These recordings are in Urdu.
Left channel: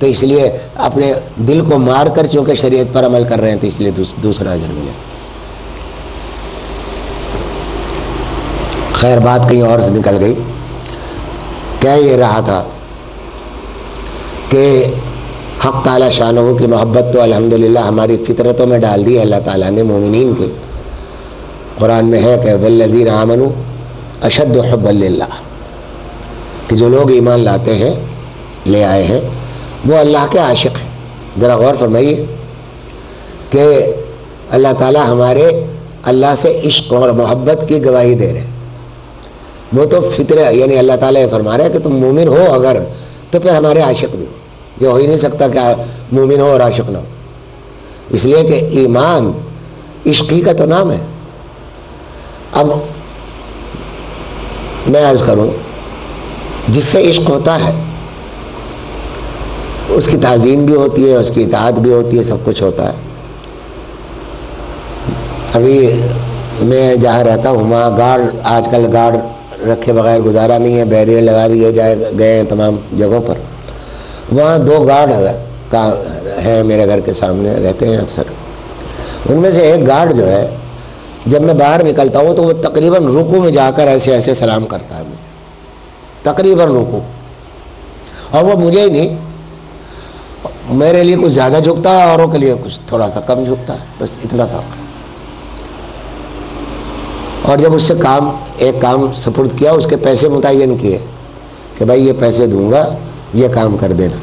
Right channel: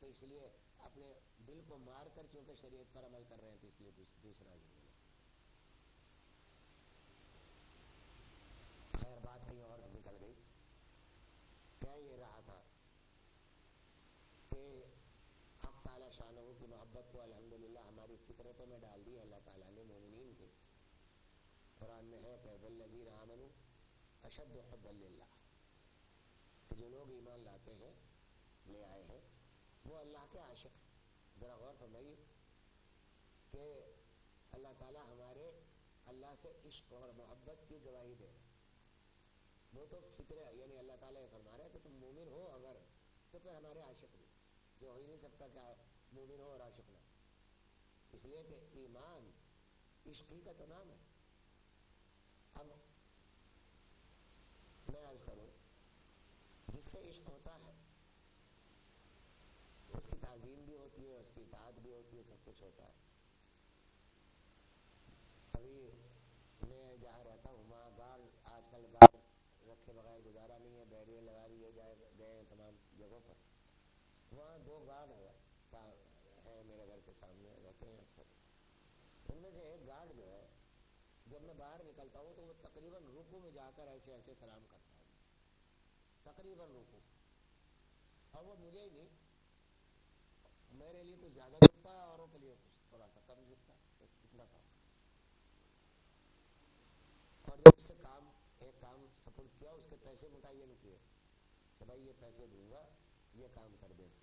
تو اس لیے اپنے دل کو مار کر چونکہ شریعت پر عمل کر رہے ہیں تو اس لیے دوسرا اجر ملے. خیر بات کہیں اور سے نکل گئی. کیا یہ رہا تھا کہ حق تعالی شانہ کی محبت تو الحمدللہ ہماری فطرتوں میں ڈال دی ہے اللہ تعالیٰ نے مومنین کے. قرآن میں ہے کہ والذین آمنوا اشد حبا للہ، کہ جو لوگ ایمان لاتے ہیں لے آئے ہیں وہ اللہ کے عاشق ہیں. ذرا غور فرمائیے کہ اللہ تعالیٰ ہمارے اللہ سے عشق اور محبت کی گواہی دے رہے ہیں. وہ تو فطرہ یعنی اللہ تعالیٰ یہ فرما رہا ہے کہ تم مومن ہو اگر تو پھر ہمارے عاشق بھی ہو. یہ ہو ہی نہیں سکتا کہ مومن ہو اور عاشق نہ ہو، اس لیے کہ ایمان عشق ہی کا تو نام ہے. اب میں عرض کروں جس سے عشق ہوتا ہے اس کی تعظیم بھی ہوتی ہے، اس کی اطاعت بھی ہوتی ہے، سب کچھ ہوتا ہے. ابھی میں جہاں رہتا ہوں وہاں گارڈ آج کل گارڈ رکھے بغیر گزارا نہیں ہے، بیریئر لگا دیے گئے ہیں تمام جگہوں پر. وہاں 2 گارڈ ہیں میرے گھر کے سامنے رہتے ہیں اکثر. ان میں سے ایک گارڈ جو ہے جب میں باہر نکلتا ہوں تو وہ تقریباً رکوع میں جا کر ایسے ایسے سلام کرتا ہے، تقریباً رکوع. اور وہ مجھے ہی نہیں، میرے لیے کچھ زیادہ جھکتا ہے، اوروں کے لیے کچھ تھوڑا سا کم جھکتا ہے، بس اتنا فرق ہے. اور جب اس سے ایک کام سپرد کیا، اس کے پیسے متعین کیے کہ بھائی یہ پیسے دوں گا یہ کام کر دینا.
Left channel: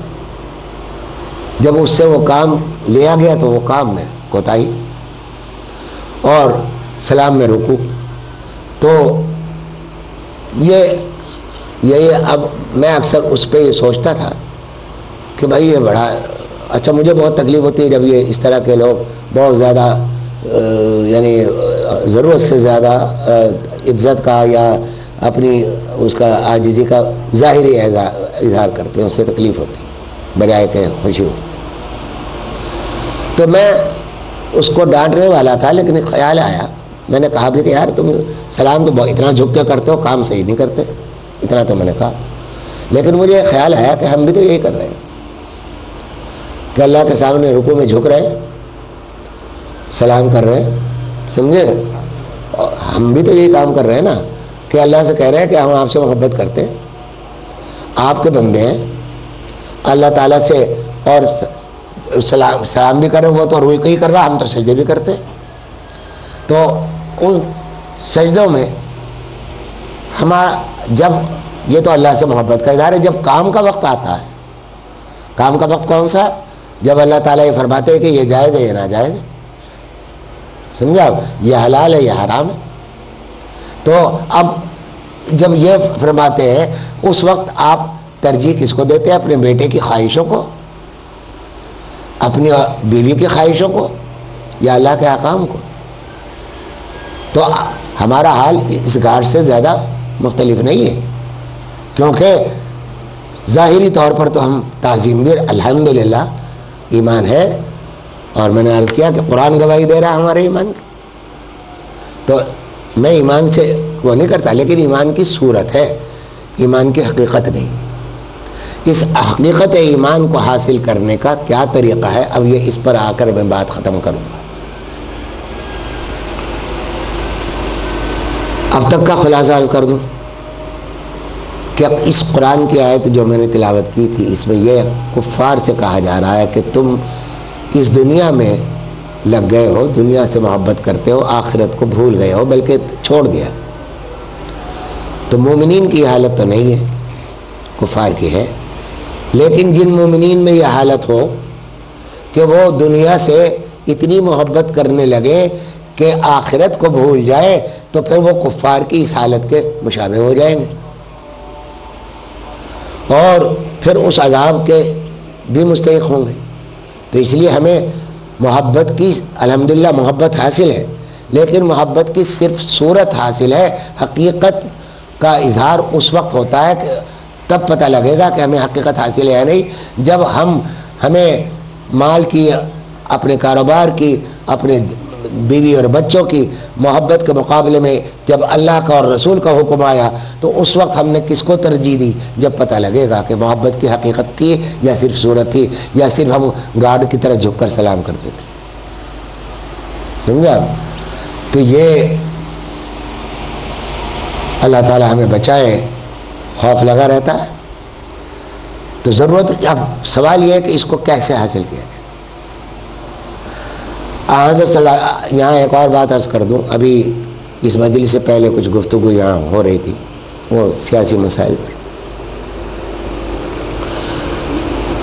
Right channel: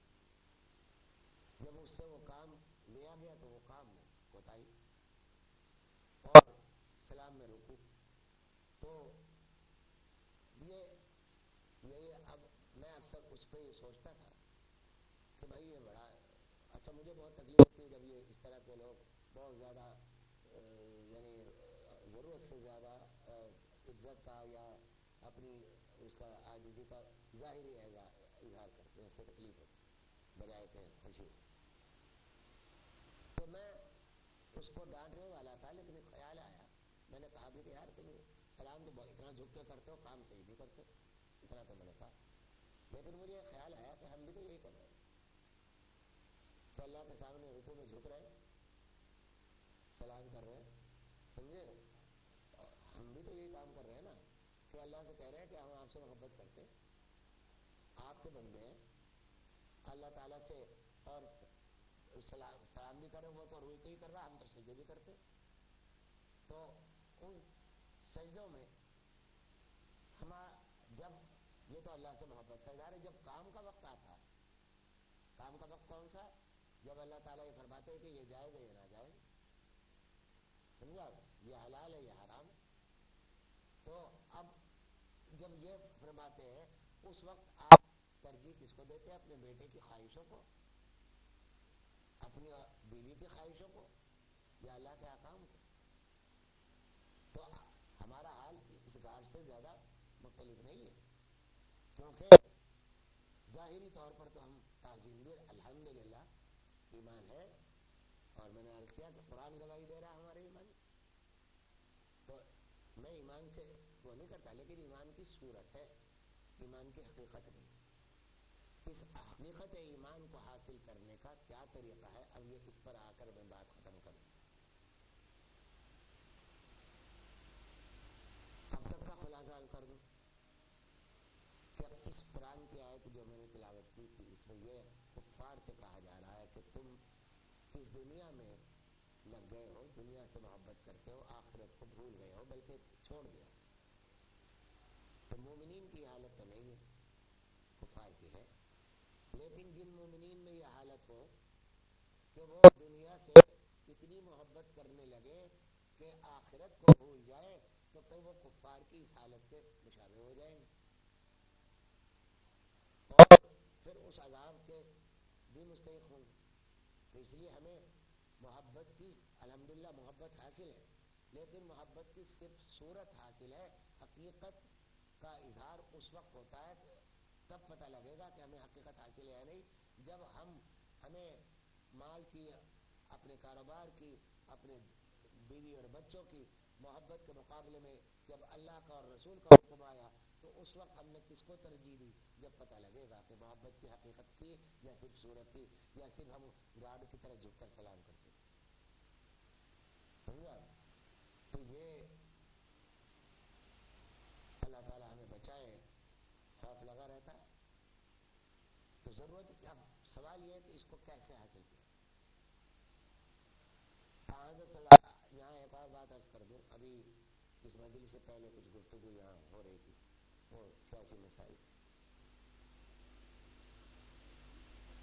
جب اس سے وہ کام لیا گیا تو وہ کام میں کوتاہی اور سلام میں رکوع. تو یہ اب میں اکثر اس پہ یہ سوچتا تھا کہ بھائی یہ بڑا اچھا. مجھے بہت تکلیف ہوتی ہے جب یہ اس طرح کے لوگ بہت زیادہ یعنی ضرورت سے زیادہ عزت کا یا اپنی اس کا عاجزی کا ظاہری اظہار کرتے ہیں، اس سے تکلیف ہوتی بجائے کہ خوشی ہو. تو میں اس کو ڈانٹنے والا تھا لیکن خیال آیا، میں نے کہا بھی کہ یار تم سلام تو اتنا جھک کے کرتے ہو، کام صحیح نہیں کرتے. اتنا تو میں نے کہا. لیکن مجھے خیال آیا کہ ہم بھی تو یہی کر رہے ہیں کہ اللہ کے سامنے رکوع میں جھک رہے ہیں، سلام کر رہے ہیں، سمجھے. ہم بھی تو یہی کام کر رہے ہیں نا کہ اللہ سے کہہ رہے ہیں کہ ہم آپ سے محبت کرتے ہیں، آپ کے بندے ہیں. اللہ تعالیٰ سے اور سلام بھی کریں، وہ تو روح ہی کر رہا، ہم تو سجدے بھی کرتے. تو ان سجدوں میں جب یہ تو اللہ سے محبت کا اظہار ہے. جب کام کا وقت آتا ہے، کام کا وقت کون سا؟ جب اللہ تعالیٰ یہ فرماتے ہیں کہ یہ جائز ہے یہ ناجائز ہے، سمجھا، یہ حلال ہے یہ حرام ہے. تو اب جب یہ فرماتے ہیں اس وقت آپ ترجیح کس کو دیتے ہیں؟ اپنے بیٹے کی خواہشوں کو، اپنی بیوی کی خواہشوں کو، یا اللہ کے احکام کو؟ تو ہمارا حال اس گارڈ سے زیادہ مختلف نہیں ہے، کیونکہ ظاہری طور پر تو ہم تعظیم بھی الحمدللہ ایمان ہے. اور میں نے عرض کیا کہ قرآن گواہی دے رہا ہے ہمارے ایمان کی. تو میں ایمان سے وہ نہیں کرتا، لیکن ایمان کی صورت ہے، ایمان کی حقیقت نہیں. اس حقیقت ایمان کو حاصل کرنے کا کیا طریقہ ہے، اب یہ اس پر آ کر میں بات ختم کروں گا. اب تک کا خلاصہ عرض کر دوں کہ اب اس قرآن کی آیت جو میں نے تلاوت کی تھی اس میں یہ کفار سے کہا جا رہا ہے کہ تم اس دنیا میں لگ گئے ہو، دنیا سے محبت کرتے ہو، آخرت کو بھول گئے ہو بلکہ چھوڑ دیا. تو مومنین کی حالت تو نہیں ہے، کفار کی ہے. لیکن جن مومنین میں یہ حالت ہو کہ وہ دنیا سے اتنی محبت کرنے لگے کہ آخرت کو بھول جائے تو پھر وہ کفار کی اس حالت کے مشابہ ہو جائیں گے اور پھر اس عذاب کے بھی مستحق ہوں گے. تو اس لیے ہمیں محبت کی الحمدللہ محبت حاصل ہے، لیکن محبت کی صرف صورت حاصل ہے. حقیقت کا اظہار اس وقت ہوتا ہے کہ تب پتہ لگے گا کہ ہمیں حقیقت حاصل ہے یا نہیں، جب ہمیں مال کی، اپنے کاروبار کی، اپنے بیوی اور بچوں کی محبت کے مقابلے میں جب اللہ کا اور رسول کا حکم آیا تو اس وقت ہم نے کس کو ترجیح دی؟ جب پتہ لگے گا کہ محبت کی حقیقت تھی یا صرف صورت تھی یا صرف ہم گارڈ کی طرح جھک کر سلام کرتے تھے. سمجھا؟ تو یہ اللہ تعالیٰ ہمیں بچائے، خوف لگا رہتا ہے. تو ضرورت اب سوال یہ ہے کہ اس کو کیسے حاصل کیا جائے. یہاں ایک اور بات عرض کر دوں، ابھی اس مجلس سے پہلے کچھ گفتگو یہاں ہو رہی تھی وہ سیاسی مسائل پر.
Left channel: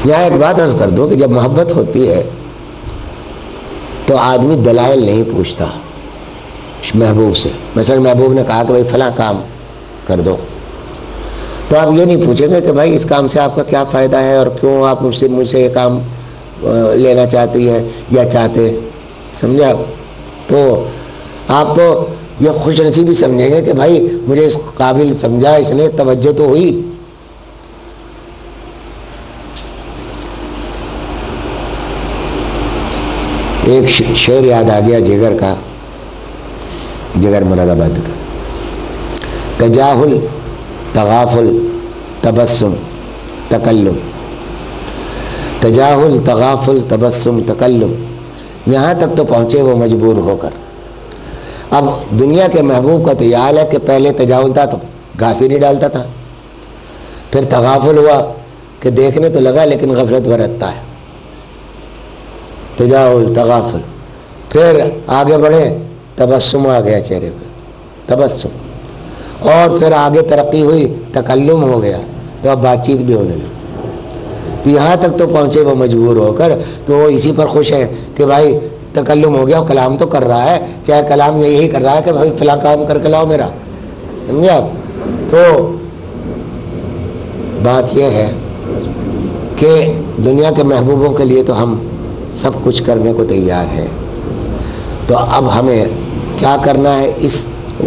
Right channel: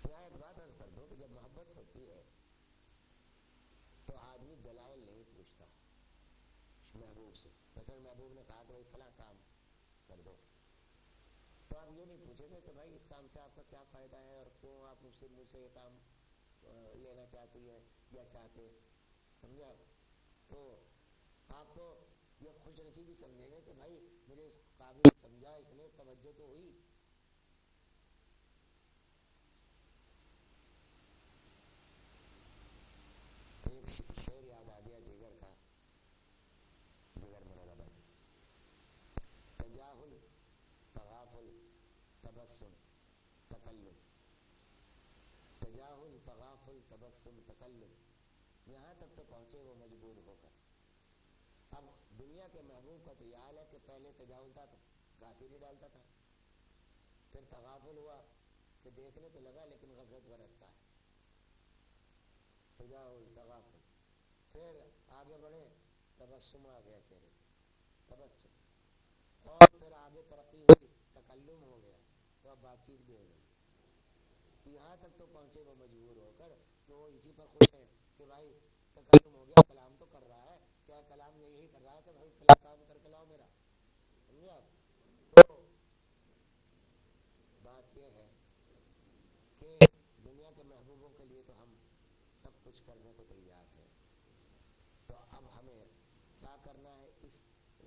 یہاں ایک بات عرض کر دوں کہ جب محبت ہوتی ہے تو آدمی دلائل نہیں پوچھتا محبوب سے. مثلا محبوب نے کہا کہ بھائی فلاں کام کر دو، تو آپ یہ نہیں پوچھیں گے کہ بھائی اس کام سے آپ کا کیا فائدہ ہے اور کیوں آپ مجھ سے یہ کام لینا چاہتی ہے یا چاہتے. سمجھا؟ تو آپ تو یہ خوش نصیبی سمجھیں گے کہ بھائی مجھے اس قابل سمجھا، اس نے توجہ تو ہوئی. ایک شعر یاد آ گیا جگر کا، جگر مراد آباد کا. تجاہل، تغافل، تبسم، تکلم. تجاہل، تغافل، تبسم، تکلم، یہاں تک تو پہنچے وہ مجبور ہو کر. اب دنیا کے محبوب کا تو یہ حال ہے کہ پہلے تجاہل تھا تو گھاس ہی نہیں ڈالتا تھا، پھر تغافل ہوا کہ دیکھنے تو لگا لیکن غفلت برتتا ہے. تجاہل، تغافل، پھر آگے بڑھے تبسم آ گیا چہرے پہ، تبسم، اور پھر آگے ترقی ہوئی تکلم ہو گیا تو اب بات چیت بھی ہونے لگی. تو یہاں تک تو پہنچے وہ مجبور ہو کر، تو وہ اسی پر خوش ہے کہ بھائی تکلم ہو گیا، کلام تو کر رہا ہے، چاہے کلام میں یہی کر رہا ہے کہ بھائی فلاں کام کر کے لاؤ میرا. سمجھے آپ؟ تو بات یہ ہے کہ دنیا کے محبوبوں کے لیے تو ہم سب کچھ کرنے کو تیار ہے. تو اب ہمیں کیا کرنا ہے، اس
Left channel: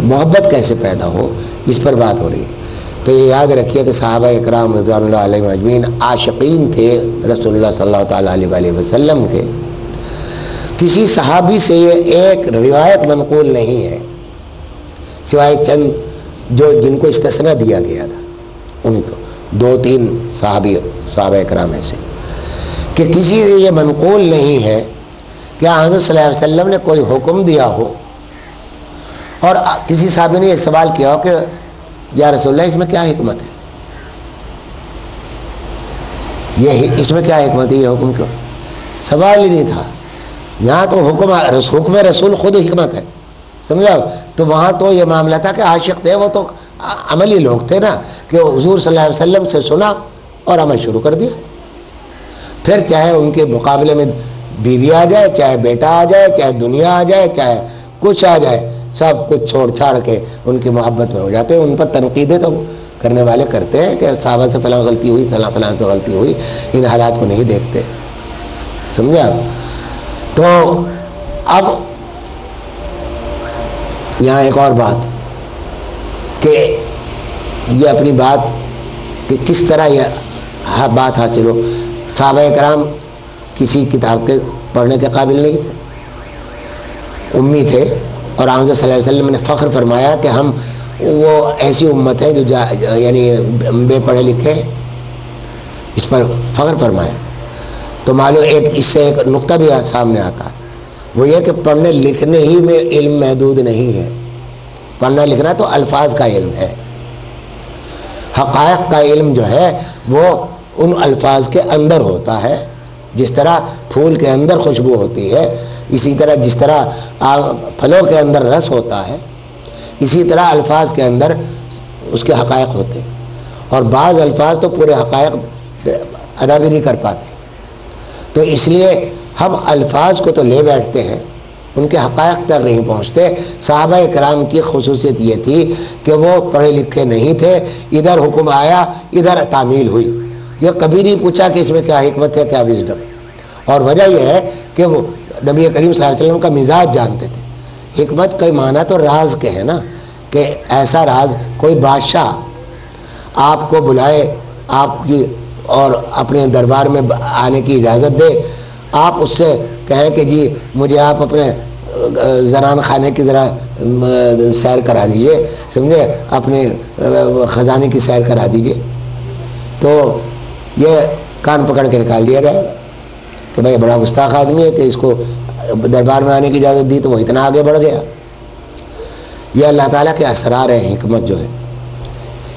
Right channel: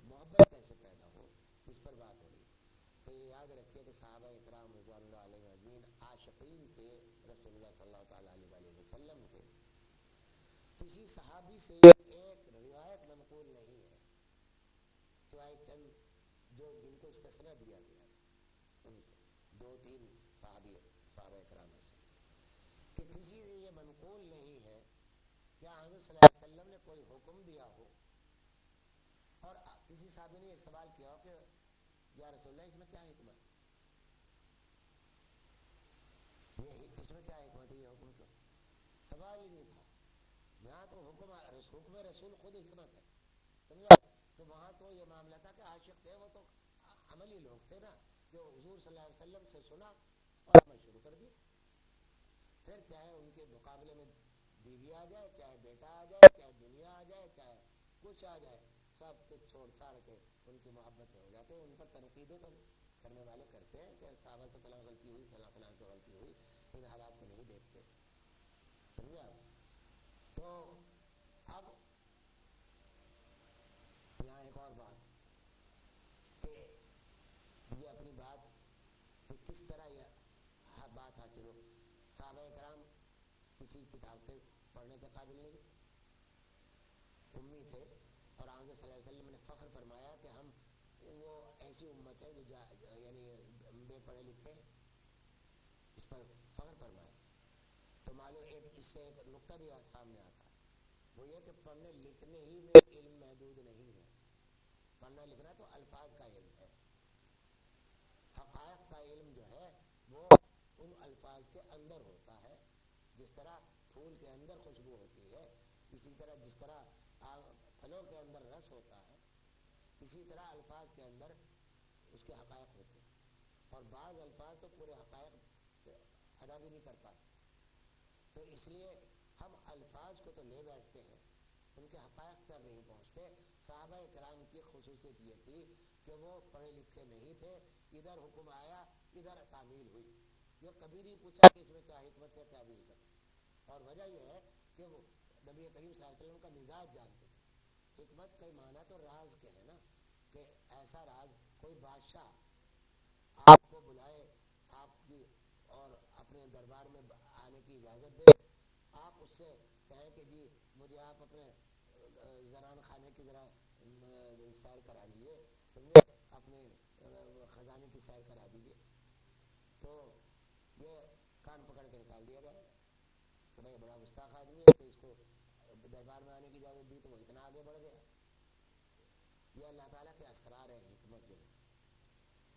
محبت کیسے پیدا ہو، اس پر بات ہو رہی ہے. تو یہ یاد رکھیے کہ صحابہ اکرام رضوان اللہ علیہم اجمعین عاشقین تھے رسول اللہ صلی اللہ تعالیٰ علیہ وسلم کے. کسی صحابی سے یہ ایک روایت منقول نہیں ہے سوائے چند جن کو استثناء دیا گیا تھا، ان کو 2-3 صحابہ اکرام ایسے، کہ کسی سے یہ منقول نہیں ہے کہ حضرت صلی اللہ علیہ وسلم نے کوئی حکم دیا ہو اور کسی صحابی نے یہ سوال کیا ہو کہ یا رسول اللہ اس میں کیا حکمت ہے، یہ اس میں کیا حکمت ہے، یہ حکم کیوں؟ سوال ہی نہیں تھا. یہاں تو حکم رسول خود حکمت ہے. سمجھا؟ تو وہاں تو یہ معاملہ تھا کہ عاشق تھے وہ تو عملی لوگ تھے نا، کہ حضور صلی اللہ علیہ وسلم سے سنا اور عمل شروع کر دیا. پھر چاہے ان کے مقابلے میں بیوی آ جائے، چاہے بیٹا آ جائے، چاہے دنیا آ جائے، چاہے کچھ آ جائے، سب کچھ چھوڑ چھاڑ کے ان کی محبت میں ہو جاتے ہیں. ان پر تنقیدیں تو کرنے والے کرتے ہیں کہ صحابہ سے فلاں غلطی ہوئی، فلاں سے غلطی ہوئی، ان حالات کو نہیں دیکھتے. سمجھا؟ تو اب یہاں ایک اور بات کہ یہ اپنی بات کہ کس طرح یہ بات حاصل ہو. صحابہ کرام کسی کتاب کے پڑھنے کے قابل نہیں تھے، امی تھے، اور حضرت صلی اللہ علیہ وسلم نے فخر فرمایا کہ ہم وہ ایسی امت ہے جو یعنی بے پڑھے لکھے، اس پر فخر فرمایا. تو معلوم اس سے ایک نقطہ بھی سامنے آتا ہے، وہ یہ کہ پڑھنے لکھنے ہی میں علم محدود نہیں ہے. پڑھنا لکھنا تو الفاظ کا علم ہے، حقائق کا علم جو ہے وہ ان الفاظ کے اندر ہوتا ہے. جس طرح پھول کے اندر خوشبو ہوتی ہے، اسی طرح جس طرح پھلوں کے اندر رس ہوتا ہے، اسی طرح الفاظ کے اندر اس کے حقائق ہوتے ہیں. اور بعض الفاظ تو پورے حقائق ادا بھی نہیں کر پاتے. تو اس لیے ہم الفاظ کو تو لے بیٹھتے ہیں، ان کے حقائق تک نہیں پہنچتے. صحابہ کرام کی خصوصیت یہ تھی کہ وہ پڑھے لکھے نہیں تھے، ادھر حکم آیا ادھر تعمیل ہوئی. یہ کبھی نہیں پوچھا کہ اس میں کیا حکمت ہے، کیا وزڈم. اور وجہ یہ ہے کہ وہ نبی کریم صلی اللہ علیہ وسلم کا مزاج جانتے تھے. حکمت کا معنی تو راز کے ہے نا، کہ ایسا راز کوئی بادشاہ آپ کو بلائے، آپ کی اور اپنے دربار میں آنے کی اجازت دے، آپ اس سے کہیں کہ جی مجھے آپ اپنے زنان خانے کی ذرا سیر کرا دیجیے، سمجھے، اپنے خزانے کی سیر کرا دیجیے، تو یہ کان پکڑ کے نکال دیا جائے گا کہ بھائی بڑا گستاخ آدمی ہے کہ اس کو دربار میں آنے کی اجازت دی تو وہ اتنا آگے بڑھ گیا۔ یہ اللہ تعالیٰ کے اسرار ہیں، حکمت جو ہے،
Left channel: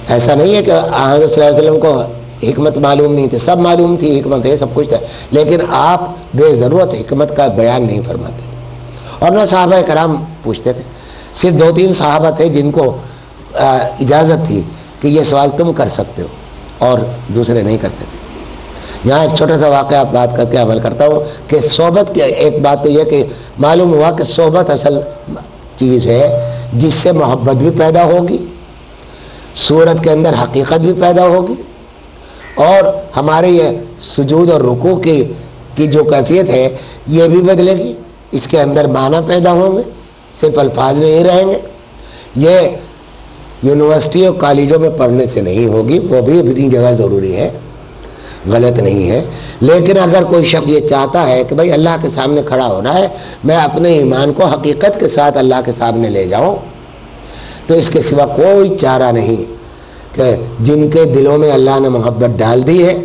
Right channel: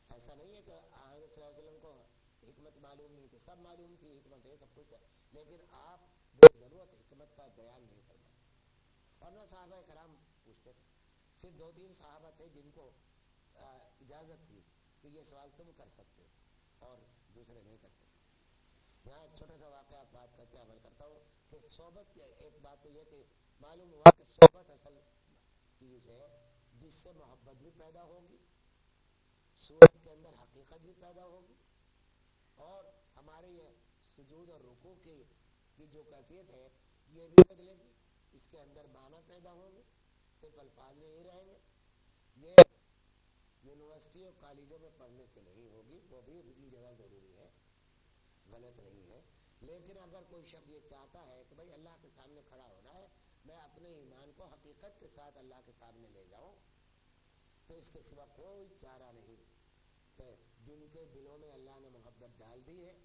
ایسا نہیں ہے کہ حضرت صلی اللہ علیہ وسلم کو حکمت معلوم نہیں تھی، سب معلوم تھی، حکمت ہے، سب کچھ تھا، لیکن آپ بے ضرورت حکمت کا بیان نہیں فرماتے تھے، اور نہ صحابہ کرام پوچھتے تھے۔ صرف 2-3 صحابہ تھے جن کو اجازت تھی کہ یہ سوال تم کر سکتے ہو اور دوسرے نہیں کرتے تھے۔ یہاں ایک چھوٹا سا واقعہ آپ بات کر کے عمل کرتا ہوں کہ صحبت کی ایک بات تو یہ کہ معلوم ہوا کہ صحبت اصل چیز ہے جس سے محبت بھی پیدا ہوگی، صورت کے اندر حقیقت بھی پیدا ہوگی، اور ہمارے یہ سجود اور رکوع کی جو کیفیت ہے یہ بھی بدلے گی، اس کے اندر معنی پیدا ہوں گے، صرف الفاظ نہیں رہیں گے۔ یہ یونیورسٹی اور کالجوں میں پڑھنے سے نہیں ہوگی، وہ بھی اپنی جگہ ضروری ہے، غلط نہیں ہے، لیکن اگر کوئی شخص یہ چاہتا ہے کہ بھائی اللہ کے سامنے کھڑا ہونا ہے، میں اپنے ایمان کو حقیقت کے ساتھ اللہ کے سامنے لے جاؤں، تو اس کے سوا کوئی چارہ نہیں کہ جن کے دلوں میں اللہ نے محبت ڈال دی ہے،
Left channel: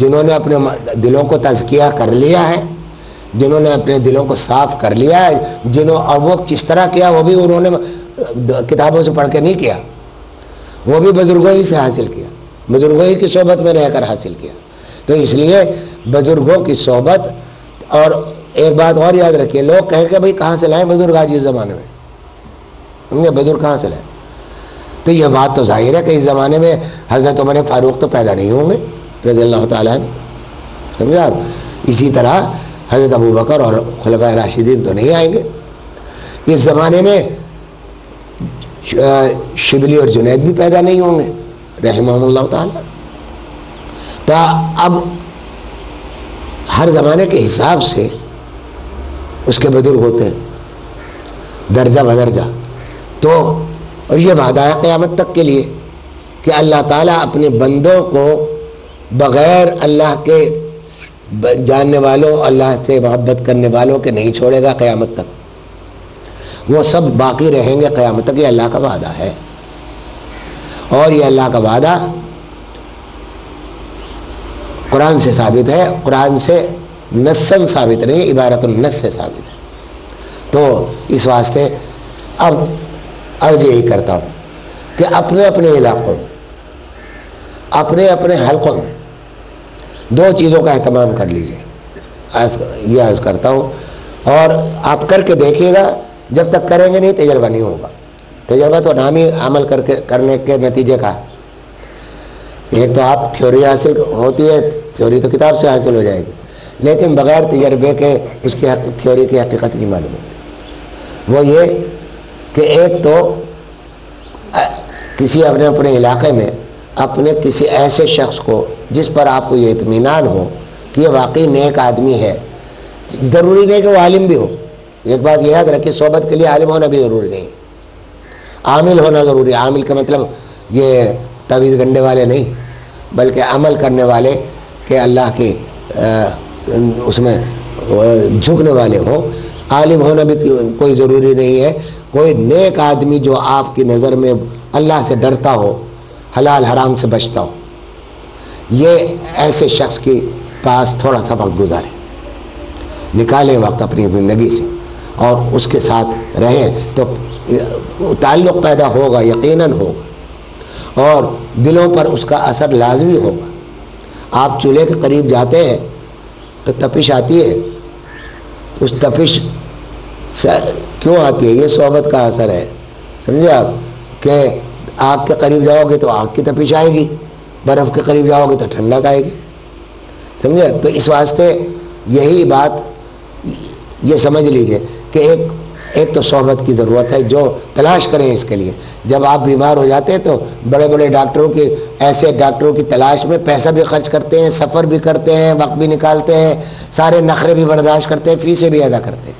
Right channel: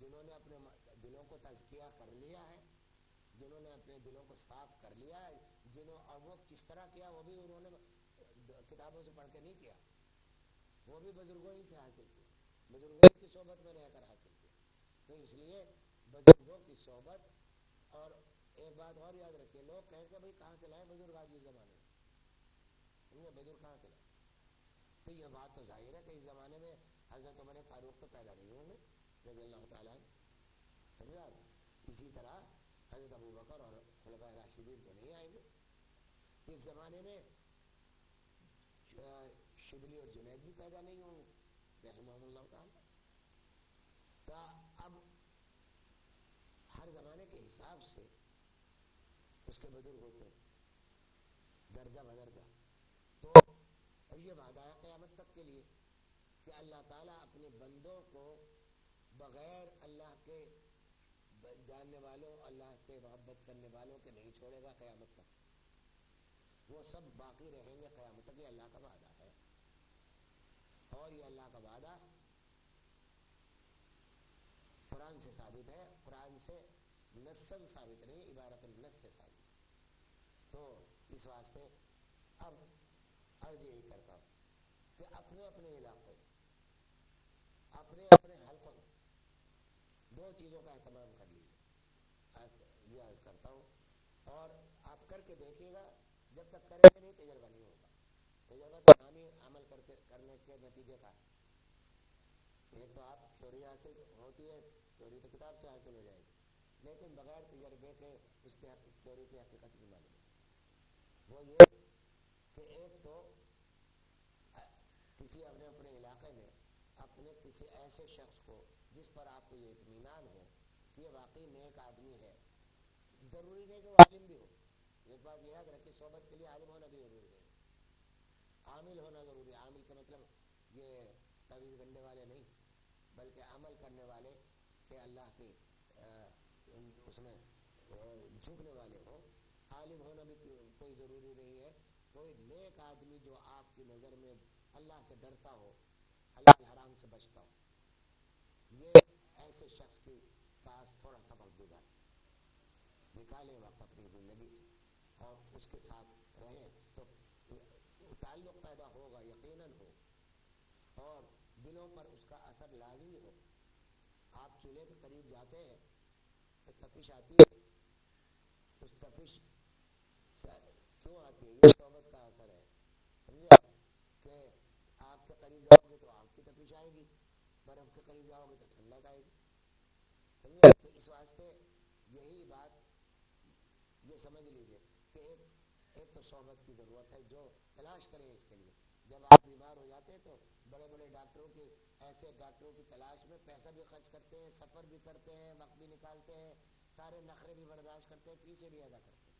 جنہوں نے اپنے دلوں کو تزکیہ کر لیا ہے، جنہوں نے اپنے دلوں کو صاف کر لیا ہے، اور وہ کس طرح کیا وہ بھی انہوں نے کتابوں سے پڑھ کے نہیں کیا، وہ بھی بزرگوں ہی سے حاصل کیا، بزرگوں ہی کی صحبت میں رہ کر حاصل کیا۔ تو اس لیے بزرگوں کی صحبت، اور ایک بات اور یاد رکھیے، لوگ کہیں کہ بھائی کہاں سے لائیں بزرگ آج اس زمانے میں، بزرگ کہاں سے لائیں؟ تو یہ بات تو ظاہر ہے کہ اس زمانے میں حضرت عمر فاروق تو پیدا نہیں ہوں گے رضی اللہ تعالیٰ عنہ، سمجھے آپ؟ اسی طرح حضرت ابوبکر اور خلفائے راشدین تو نہیں آئیں گے۔ اس زمانے میں شبلی اور جنید بھی پیدا نہیں ہوں گے رحمہم اللہ تعالیٰ۔ تو اب ہر زمانے کے حساب سے اس کے بزرگ ہوتے ہیں درجہ بدرجہ، تو اور یہ وعدہ ہے قیامت تک کے لیے کہ اللہ تعالیٰ اپنے بندوں کو بغیر اللہ کے جاننے والوں، اللہ سے محبت کرنے والوں کے نہیں چھوڑے گا قیامت تک، وہ سب باقی رہیں گے قیامت تک، یہ اللہ کا وعدہ ہے۔ اور یہ اللہ کا وعدہ قرآن سے ثابت ہے، قرآن سے نصاً ثابت نہیں، عبارت النص سے ثابت ہے۔ تو اس واسطے اب عرض یہی کرتا ہوں کہ اپنے اپنے علاقوں میں، اپنے اپنے حلقوں میں 2 چیزوں کا اہتمام کر لیجیے، یہ عرض کرتا ہوں، اور آپ کر کے دیکھیے گا، جب تک کریں گے نہیں تجربہ نہیں ہوگا۔ تجربہ تو نامی عمل کرنے کے نتیجے کا، ایک تو آپ تھیوری حاصل ہوتی ہے، تھیوری تو کتاب سے حاصل ہو جائے گی، لیکن بغیر تجربے کے اس کی تھیوری کی حقیقت نہیں معلوم ہوتی۔ وہ یہ کہ ایک تو کسی اپنے علاقے میں اپنے کسی ایسے شخص کو جس پر آپ کو یہ اطمینان ہو کہ یہ واقعی نیک آدمی ہے، ضروری نہیں کہ وہ عالم بھی ہو، ایک بات یہ یاد رکھیے، صحبت کے لیے عالم ہونا بھی ضروری نہیں، عامل ہونا ضروری ہے۔ عامل کا مطلب یہ تعویذ گنڈے والے نہیں، بلکہ عمل کرنے والے کہ اللہ کے اس میں جھکنے والے ہوں۔ عالم ہونا بھی کوئی ضروری نہیں ہے، کوئی نیک آدمی جو آپ کی نظر میں اللہ سے ڈرتا ہو، حلال حرام سے بچتا ہو، یہ ایسے شخص کے پاس تھوڑا سا وقت گزارے، نکالیں وقت اپنی زندگی سے اور اس کے ساتھ رہیں، تو تعلق پیدا ہوگا، یقیناً ہوگا، اور دلوں پر اس کا اثر لازمی ہوگا۔ آپ چولہے کے قریب جاتے ہیں تو تپش آتی ہے، اس تپش کیوں آتی ہے؟ یہ صحبت کا اثر ہے، سمجھے آپ؟ کہ آگ کے قریب جاؤ گے تو آگ کی تپش آئے گی، برف کے قریب جاؤ گے تو ٹھنڈک آئے گی، سمجھے؟ تو اس واسطے یہی بات یہ سمجھ لیجئے کہ ایک تو صحبت کی ضرورت ہے، جو تلاش کریں اس کے لیے۔ جب آپ بیمار ہو جاتے ہیں تو بڑے بڑے ڈاکٹروں کی، ایسے ڈاکٹروں کی تلاش میں پیسہ بھی خرچ کرتے ہیں، سفر بھی کرتے ہیں، وقت بھی نکالتے ہیں، سارے نخرے بھی برداشت کرتے ہیں، فیسیں بھی ادا کرتے ہیں،